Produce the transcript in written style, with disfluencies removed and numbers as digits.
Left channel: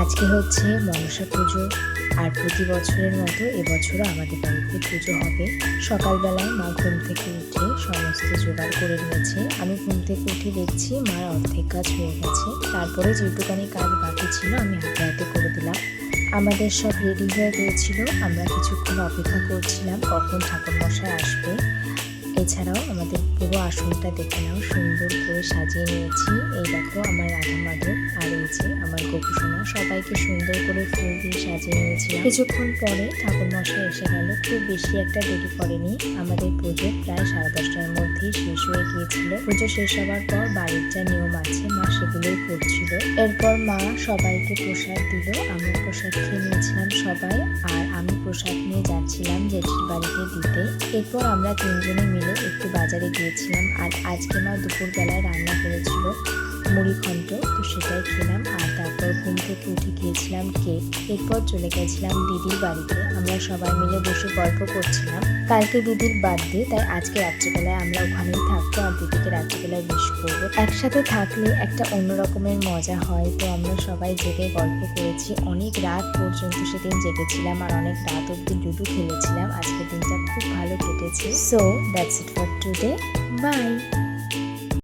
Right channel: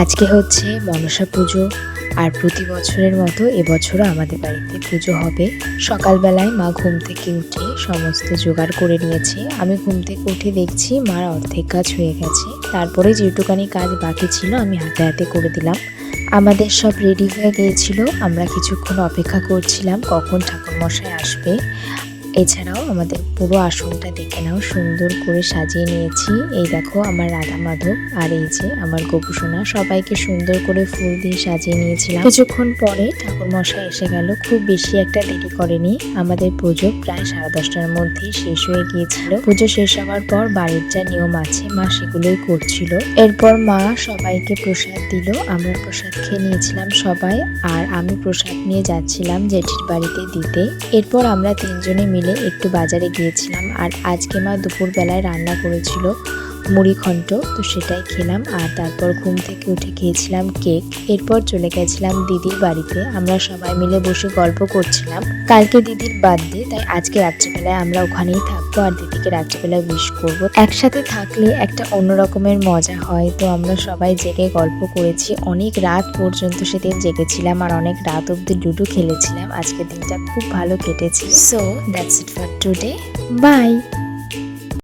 আজকে হচ্ছে মনসা পুজো। আর প্রতি বছরের মতো এবছরও আমাদের বাড়িতে পুজো হবে। সকালবেলায় মা ঘুম থেকে উঠে সমস্ত জোগাড় করে নিয়েছে। আমি ঘুম থেকে উঠে দেখছি মার অর্ধেক কাজ হয়ে গেছে। তারপরে যেটুকানি কাজ বাকি ছিল আমি হাতে হাতে করে দিলাম। আমাদের সব রেডি হয়ে গিয়েছিল। আমরা কিছুক্ষণ অপেক্ষা করছিলাম কখন ঠাকুরমশাই আসবে। এছাড়াও আমাদের পুরো আসনটা দেখে নাও, সুন্দর করে সাজিয়ে নিয়েছি। এই দেখো আমার রাধা মাধব, আর এই যে আমার গোপুসোনা, সবাইকে সুন্দর করে ফুল দিয়ে সাজিয়ে নিয়েছিলাম। কিছুক্ষণ পরে ঠাকুরমশাই এসে গেল। খুব বেশি একটা দেরি করেনি। আমাদের পুজো প্রায় 10:30টার মধ্যেই শেষ হয়ে গিয়েছিল। পুজো শেষ হওয়ার পর বাড়ির যা নিয়ম আছে মা সেগুলোই করছিল। এরপর মা সবাইকে প্রসাদ দিল। আমরা প্রসাদ খেয়ে নিয়েছিলাম সবাই, আর আমি প্রসাদ নিয়ে যাচ্ছিলাম জেঠির বাড়িতে দিতে। এরপর আমরা তিনজনে মিলে একটু বাজারে গিয়েছিলাম। আর আজকে মা দুপুরবেলায় রান্না করেছিল মুড়ি ঘন্ট, তো সেটাই খেলাম। আর তারপর ঘুম থেকে উঠে খেয়েছিলাম কেক। এরপর চলে গেছিলাম দিদির বাড়িতে। আমরা সবাই মিলে বসে গল্প করছিলাম। কালকে দিদির বার্থডে, তাই আজকে রাত্রেবেলায় আমরা ওখানেই থাকবো আর দিদিকে রাত্রেবেলায় উইশ করবো। একসাথে থাকলে একটা অন্য রকমের মজা হয়। তো আমরা সবাই জেগে গল্প করেছি, অনেক রাত পর্যন্ত সেদিন জেগেছিলাম আর অনেক রাত অব্দি লুডো খেলেছিলাম। আজকের দিনটা খুব ভালো কেটেছে। So that's it for today, by.